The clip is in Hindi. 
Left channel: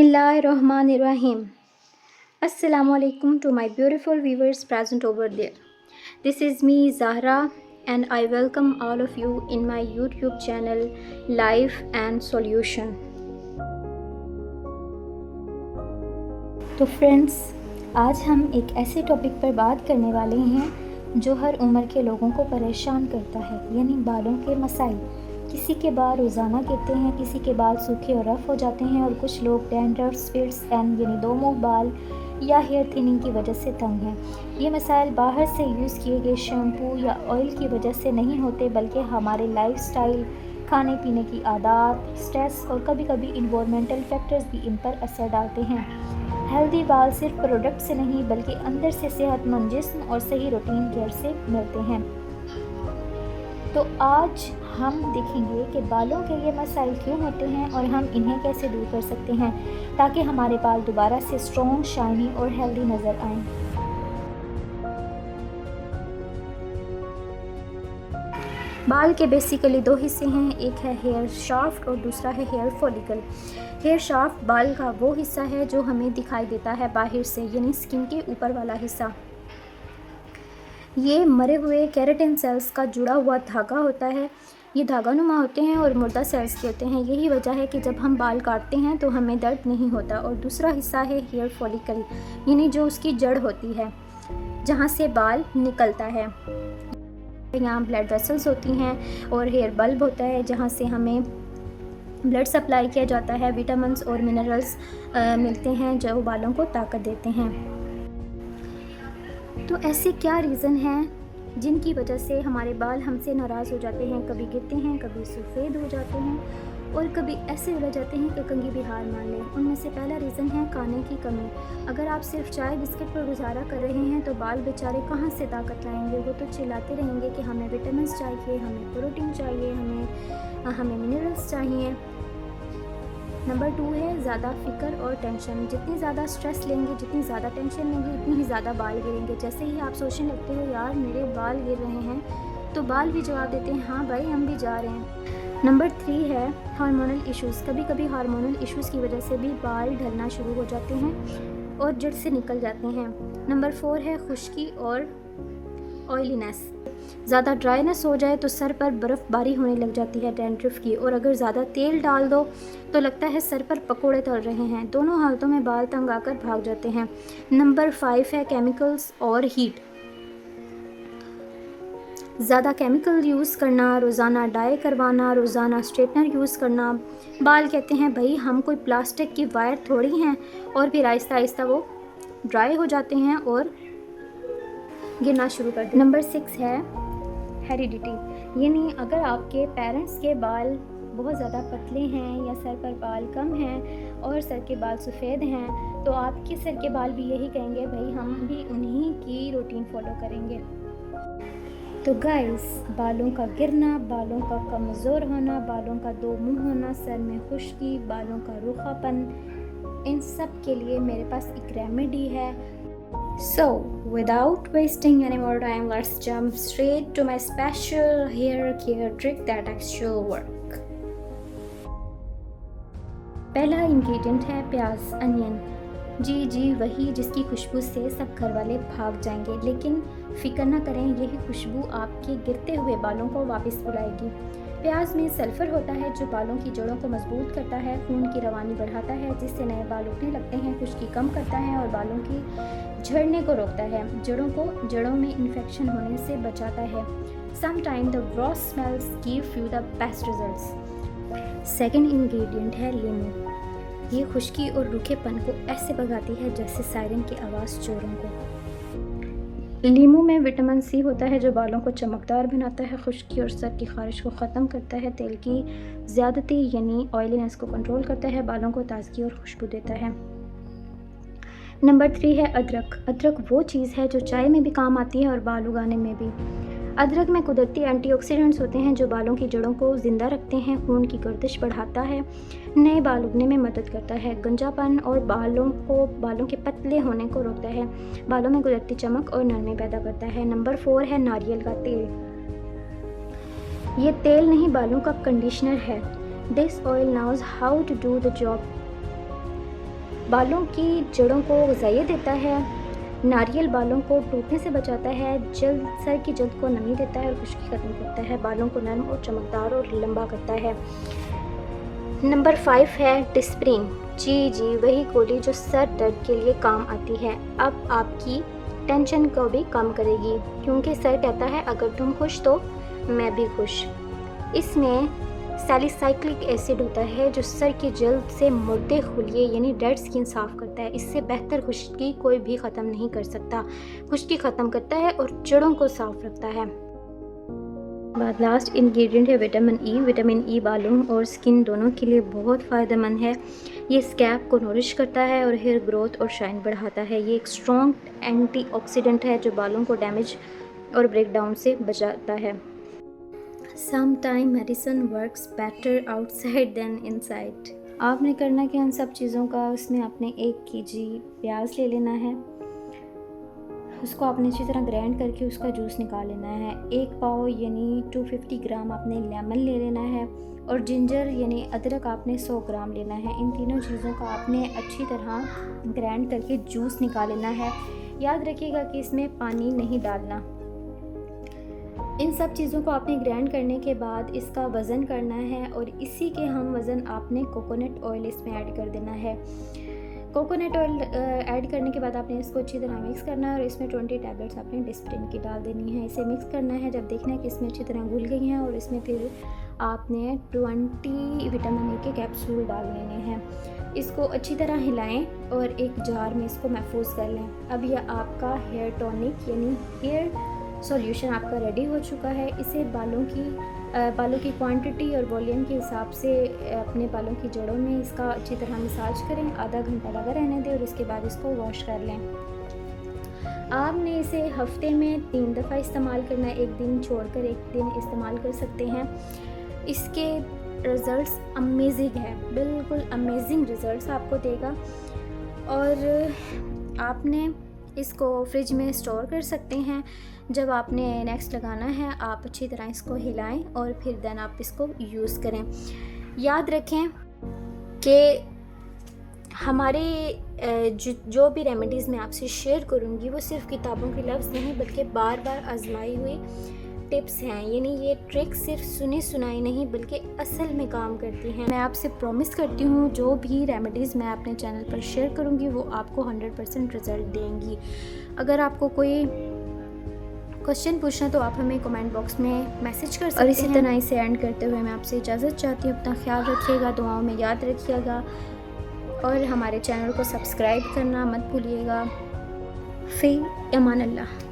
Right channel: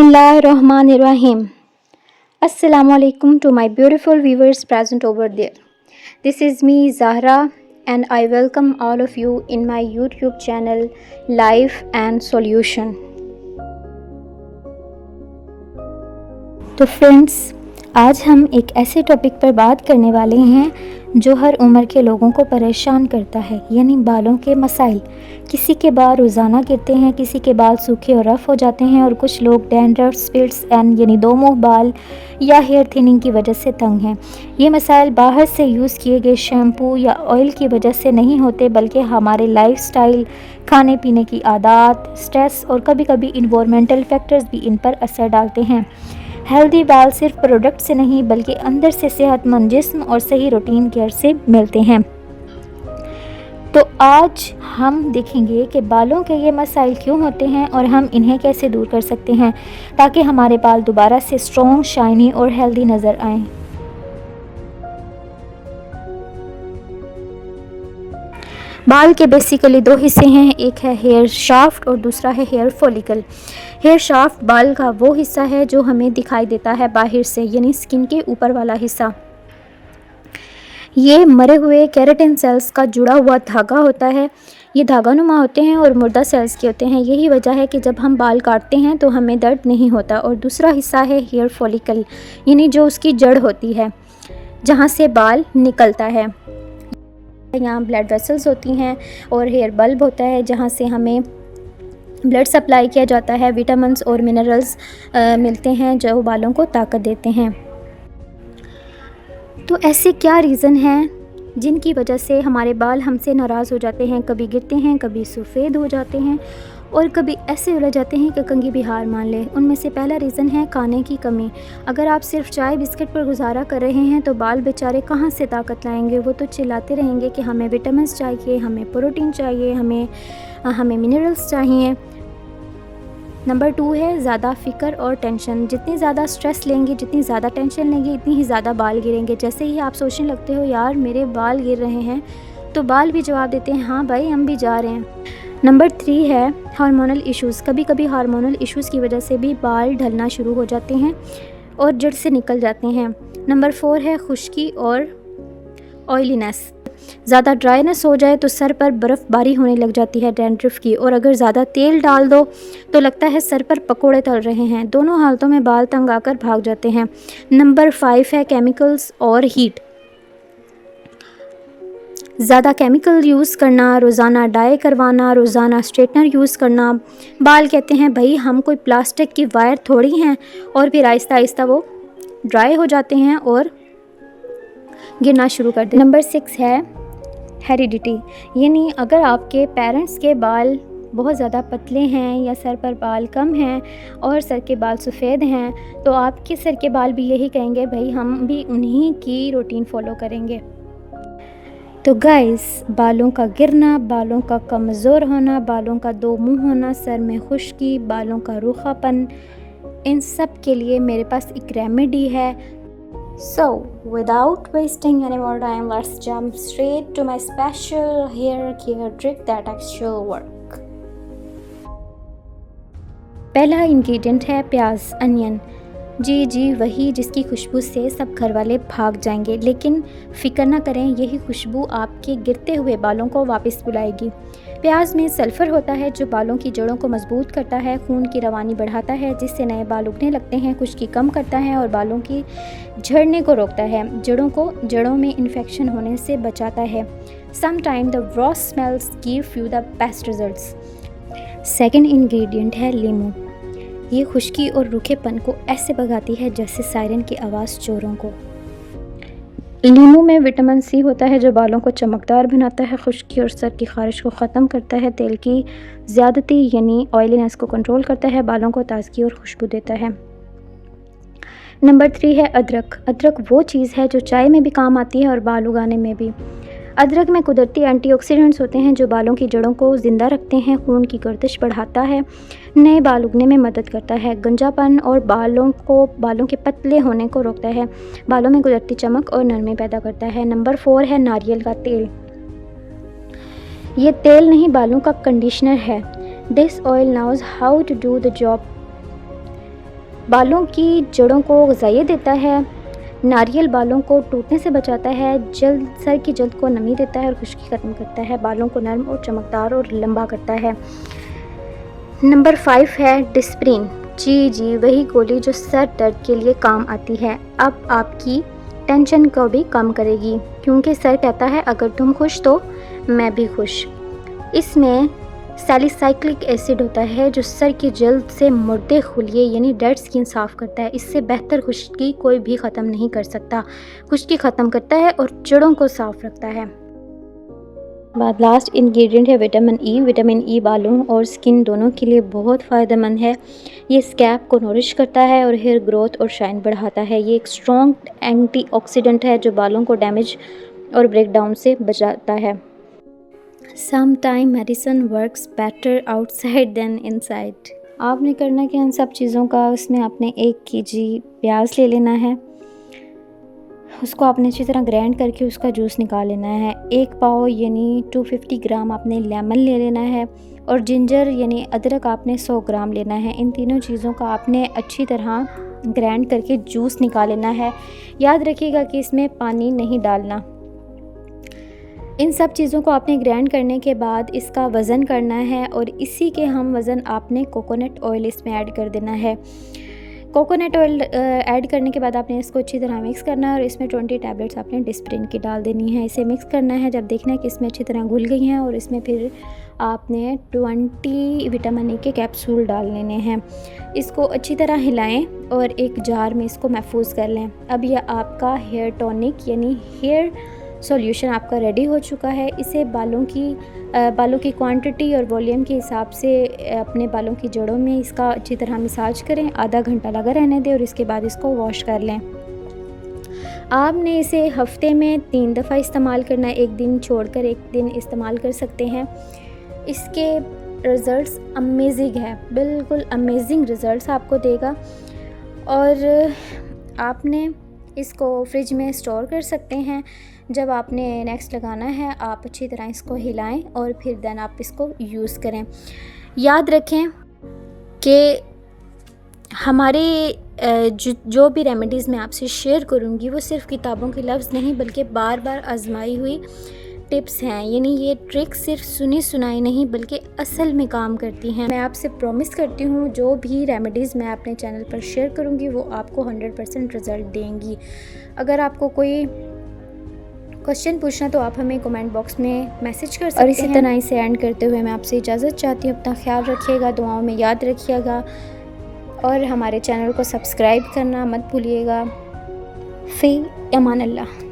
Bismillahirrahmanirrahim. Assalamualaikum to my beautiful viewers present over there. This is me Zahra and I welcome all of you in my YouTube channel Life and Solution. तो फ्रेंड्स, आज हम एक ऐसे टॉपिक पर बात करने वाले हैं जो हर उम्र के लोगों को परेशान करता है, यानी बालों के मसाइल। किसी के बाल रोज़ाना गिरते हैं, किसी के बाल सूखे और रफ़ हो जाते हैं और कुछ लोग डैंड्रफ, स्प्लिट्स एंड यानी दो मुँह बाल या हेयर थिनिंग की वजह से तंग हैं। ये मसाइल बाहर से यूज़ किए गए शैम्पू या ऑयल की वजह से नहीं होते, बल्कि हमारे लाइफस्टाइल, खाने पीने की आदत, स्ट्रेस और कभी कभी इन्वायरमेंटल फैक्टर्स भी इन पर असर डालते हैं। हेल्दी बाल सिर्फ प्रोडक्ट से नहीं बल्कि अंदर से सेहतमंद जिस्म और सही रूटीन केयर से मिलते हैं। तो आज हम देखेंगे कि बालों के ये मसाइल क्यों होते हैं और हम इन्हें कैसे दूर कर सकते हैं ताकि हमारे बाल दोबारा से स्ट्रॉन्ग, शाइनी और हेल्दी नज़र आएं। बाल के बेसिकली दो हिस्से हैं, एक है हेयर शाफ्ट और दूसरा है हेयर फॉलिकल। हेयर शाफ्ट बाल का वो हिस्सा है जो हमें दिखाई देता है बाहर से, यानी स्किन के ऊपर वाला हिस्सा। ये मरे हुए केराटिन सेल्स का जुड़ा हुआ धागा होता है। ये धागानुमा होते हैं और मुर्दा सेल्स के होते हैं। यही वजह है कि जब हम बाल काटते हैं तो हमें दर्द नहीं होता। और दूसरा हिस्सा है हेयर फॉलिकल, यानी जो उसकी जड़ होती है, जहाँ से बाल निकलता है। यहाँ ब्लड वेसल्स होती हैं और हेयर बल्ब होता है, जहाँ से हमें ब्लड सप्लाई किया जाता है। विटामिन्स और मिनरल्स मिलते हैं जो बालों को ताकत देते हैं। तो ऐसे क्या रीज़न हैं जिनकी वजह से हमारे बाल हमसे नाराज़ हो जाते हैं, कभी गिरते हैं, कभी सफ़ेद हो जाते हैं और कभी ऐसे उलझ जाते हैं कि कंघी भी हार मान लें। उनमें से पहला रीज़न है खाने की कमी। अगर आप सिर्फ चाय बिस्किट पर गुजारा कर रहे हैं तो बाल बेचारे कहाँ से ताकत लाएंगे। वो तो चिल्लाते रहेंगे कि हमें विटामिन्स चाहिए, हमें प्रोटीन चाहिए, हमें मिनरल्स चाहिए। नंबर 2 है ज़्यादा फ़िक्र और टेंशन। जितनी ज़्यादा स्ट्रेस लेंगे, जितनी ज़्यादा टेंशन लेंगे, इतनी ही ज़्यादा बाल गिरेंगे। जैसे ही आप सोचने लगते हो यार मेरे बाल गिर रहे हैं, तो बाल भी जवाब देते हैं हाँ भाई हम भी जा रहे हैं। नंबर 3 है हार्मोनल इश्यूज़। कभी कभी हार्मोनल इश्यूज़ की वजह से भी बाल ढलना शुरू हो जाते हैं और जड़ से निकल जाते हैं। नंबर 4 है खुश्की और ऑयलीनेस। ज़्यादा ड्राइनेस हो जाए तो सर पर बर्फ़बारी होने लग जाती है डैंड्रफ की, और अगर ज़्यादा तेल डाल दो तो लगता है सर पर पकोड़े तल रहे हैं। दोनों हालतों में बाल तंग आकर भाग जाते हैं। नंबर 5 है केमिकल्स और हीट। ज़्यादा केमिकल यूज़ करना, रोज़ाना डाई करवाना, रोज़ाना स्ट्रेटनर यूज़ करना। बाल कहते हैं भाई हम कोई प्लास्टिक की वायर थोड़ी हैं, और फिर आहिस्ता आहिस्ता वो ड्राई हो जाते हैं और गिरना शुरू कर देते हैं। नंबर 6 है हेरिडिटी, यानी अगर आपके पेरेंट्स के बाल बहुत ज़्यादा पतले हैं या सर पर बाल कम हैं और सर के बाल सफ़ेद हैं, तो आपके सर के बाल भी यही कहेंगे भाई हम भी उन्हीं की रूटीन फॉलो करेंगे। तो गाइस, बालों का गिरना, बालों का कमज़ोर होना, बालों का दो मुंह होना, सर में खुश्की, बालों का रूखापन, इन सब के लिए मेरे पास एक रेमेडी है। So, without wasting any more time, let's jump straight to my special hair care trick that actually work. पहला इंग्रेडिएंट है प्याज, अनियन। जी वही जिसकी खुशबू से सब घर वाले भाग जाएंगे, लेकिन फिक्र ना करें, यही खुशबू आपके गिरते हुए बालों को वापस बुलाएगी। प्याज में सल्फ़र होता है जो बालों की जड़ों को मजबूत करता है, खून की रवानी बढ़ाता है जिससे नए बाल उगने लगते हैं, खुश्की कम करता है और बालों की झड़ने को रोकता है, जड़ों में इन्फेक्शन होने से बचाता है। Sometime the raw smells give you the best results. Second ingredient है लीमू। ये खुश्की और रूखेपन को ऐसे भगाती है जैसे सायरन की आवाज़ चोरों को। लीमू में विटामिन सी होता है जो बालों को चमकदार बनाता है, खुश्की और सर की खारिश को ख़त्म करता है, तेल की ज़्यादती यानी ऑयलीनेस को कंट्रोल करता है, बालों को ताजगी और खुशबू देता है। नंबर 3 है अदरक। अदरक वो चीज़ है जो चाय में भी काम आती है और बाल उगाने में भी। अदरक में कुदरती एंटीऑक्सीडेंट्स होते हैं जो बालों की जड़ों को ज़िंदा रखते हैं, खून की गर्दिश बढ़ाता है, नए बाल उगने में मदद करता है, गंजापन और बालों के पतले होने को रोकता है, बालों में कुदरती चमक और नरमी पैदा करता है। नंबर 4 है नारियल का तेल। ये तेल नहीं, बालों का कंडीशनर है। This oil knows how to do the job. बालों की जड़ों को ग़िज़ाइयत देता है, नारियल बालों को टूटने से बचाता है, सर की जल्द को नमी देता है और खुश्की ख़त्म करता है, बालों को नरम और चमकदार और लंबा करता है। नंबर 5 है डिस्प्रिन। जी वही गोली जो सर दर्द के लिए काम आती है, अब आपकी टेंशन को भी कम करेगी, क्योंकि सर कहता है अगर तुम खुश तो मैं भी खुश। इसमें सैलिसाइक्लिक एसिड होता है जो सर की जल्द से मुर्दे खुलिये यानी डेड स्किन साफ़ करता है। इससे बेहतर खुश्की कोई भी ख़त्म नहीं कर सकता। खुश्की ख़त्म करता है और जड़ों को साफ़ रखता है। बाद लास्ट इंग्रेडिएंट है विटामिन ई। विटामिन ई बालों और स्किन दोनों के लिए बहुत फ़ायदेमंद है। ये स्कैल्प को नरिश करता है और हेयर ग्रोथ और शाइन बढ़ाता है। ये एक स्ट्रॉन्ग एंटीऑक्सीडेंट है जो बालों को डैमेज और ब्रेकडाउन से बचाता है। Sometime medicine works better outside than inside. आपने करना क्या इन सब चीज़ों का, उसमें आपने 1 केजी प्याज ले लेना है, उसको आपने अच्छी तरह ग्राइंड करके उसका जूस निकाल लेना है। 1 पाव यानी 250 ग्राम आपने लेमन ले लेना है और जिंजर यानी अदरक आपने 100 ग्राम लेना है। इन तीनों चीज़ों का आपने अच्छी तरह ग्राइंड करके जूस निकाल लेना है। याद रखिएगा कि इसमें पानी नहीं डालना। इन सब चीज़ों को आपने ग्राइंड करने के बाद इसका वज़न करना है और इसी के हम वज़न आपने कोकोनट ऑयल इसमें ऐड कर देना है। कोकोनट ऑयल ऐड करने के बाद आपने इसको अच्छी तरह मिक्स करना है और इसमें 20 टैबलेट्स आपने डिस्प्रिन की डाल देनी है। इसे मिक्स करना है, जब देखना है कि इसमें अच्छी तरह घुल गई हैं और इसमें फिर आपने 20 विटामिन ई के कैप्सूल डाल लेने हैं। इसको अच्छी तरह हिलाएं और एक जार में इसको महफूज कर लें। अब यह आपका हेयर टॉनिक यानी हेयर सॉल्यूशन आपका रेडी हो चुका है। इसे बालों की क्वांटिटी और वॉल्यूम के हिसाब से अपने बालों की जड़ों में इसका अच्छी तरह मसाज करें, आधा घंटा लगा रहने दें और इसके बाद इसको वॉश कर लें। आपने इसे हफ्ते में 3 दफ़ा इस्तेमाल करना है, एक दिन छोड़कर एक दिन इस्तेमाल कर सकते हैं। इसके रिज़ल्ट्स अमेजिंग है, बिल्कुल अमेजिंग रिज़ल्ट्स आपको देगा और आपने इसको फ्रिज में स्टोर कर सकते हैं। जब आपने नेक्स्ट लगाना है आप अच्छी तरह इसको हिलाएं और फिर देन आप इसको यूज़ करें। याद रखें कि हमारे जो भी रेमेडीज़ मैं आपसे शेयर करूँगी वो सिर्फ़ किताबों के लफ्ज़ नहीं बल्कि बार बार आजमाई हुई टिप्स हैं। यानी ये ट्रिक्स सिर्फ सुनी सुनाई नहीं बल्कि असल में काम करती हैं। मैं आपसे प्रॉमिस करती हूँ जो भी रेमेडीज़ मैं अपने चैनल पर शेयर करूँगी वो आपको 100% रिज़ल्ट देंगी। अगर आपको कोई क्वेश्चन पूछना तो आप हमें कमेंट बॉक्स में मैसेज कर सकते हैं। और इसी तरह इसे एंड करते हुए मैं आपसे इजाज़त चाहती हूँ। अपना ख्याल रखिएगा, दुआओं में याद रखिएगा और हमारे चैनल को सब्सक्राइब करना मत भूलिएगा। फ़ी अमान अल्लाह।